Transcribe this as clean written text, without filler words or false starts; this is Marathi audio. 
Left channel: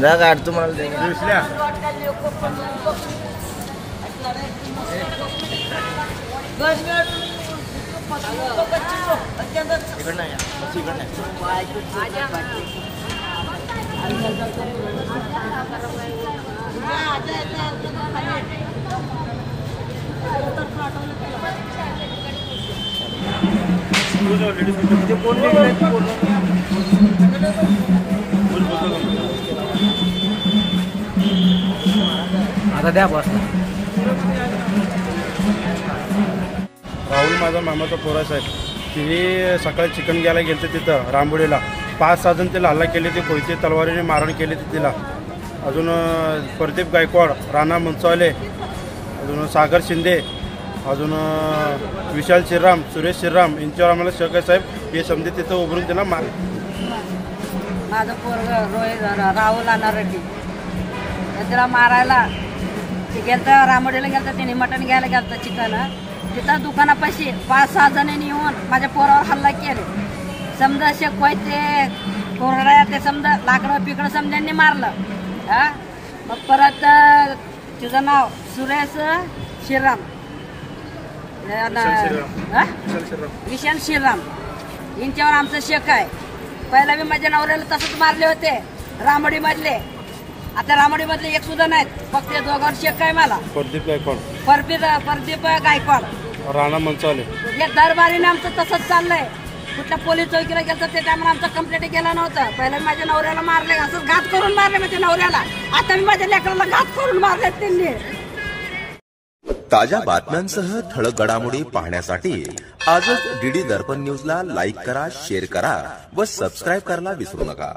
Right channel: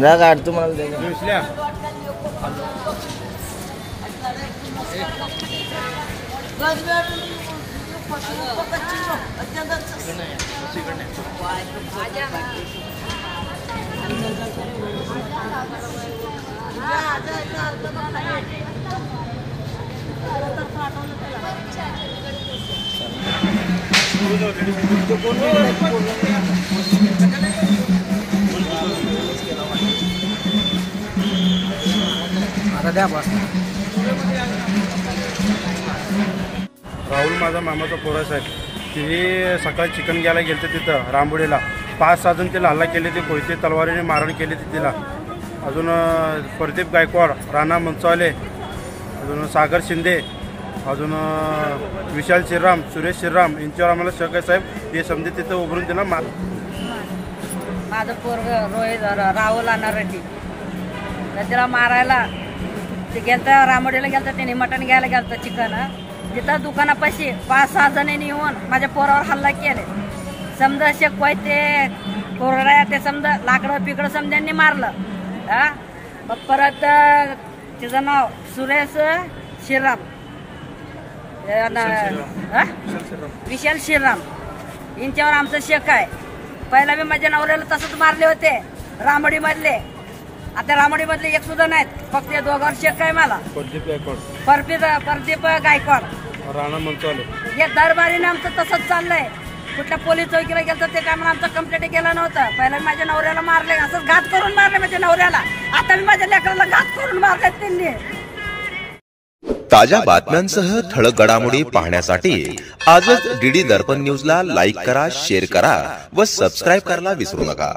जागा तुम्हाला राहुल माझा मामाचा पोरा साहेब तिने सकाळी चिकन घ्यायला गेलते तिथं रामबुडीला 5-6 जण तिला हल्ला केले ते कोयते तलवारीने मारण केले तिला। अजून प्रदीप गायकवाड, राणा मनसवाले, अजून सागर शिंदे, अजून विशाल श्रीराम, सुरेश श्रीराम यांच्यावर आम्हाला शक आहे साहेब। हे समजे तिथं उभरून तिला मार माझं पोरग राहुल अनारटी त्याला मारायला ते गेलता रामोडीला गेलता त्याने मटण घ्यायला गेलता चिकन तिथं दुकानापाशी 5-6 जणांनी येऊन माझ्या पोरावर हल्ला केले। समजा शेकवाय ते कोरड्या ते समजा लाकडं पिकडं समजांनी मारलं हा। मग परत तिचं नाव सुरेश श्रीराम विशाल श्रीराम यांच्यावर आमचं शेक आहे। पहिला मी माझ्या नवऱ्याला तसंच मारले होते रामोडी मधले, आता रामोडी मधले एक सुद्धा नाहीत, फक्त या दोघांवर शेक आहे मला। प्रदीप गायकवाड, प्रदीप गायकवाड, राणा मनसवाले हे दरबारीने आमचं तसंच चाललंय। कुठल्या पोलीस चौकीला गेलं ते टायमाला आमचा कंप्लेंट केला नव्हता। पहिला माझ्या नवऱ्याला मारले, असंच घात करून मारले माझ्या नवऱ्याला, आता मी माझ्या लेकराला घात करून मारले त्यांनी। ताज्या बातम्यांसह ठळक घडामोडी पाहण्यासाठी आजच डीडी दर्पण न्यूजला लाईक करा, शेअर करा व सबस्क्राईब करायला विसरू नका।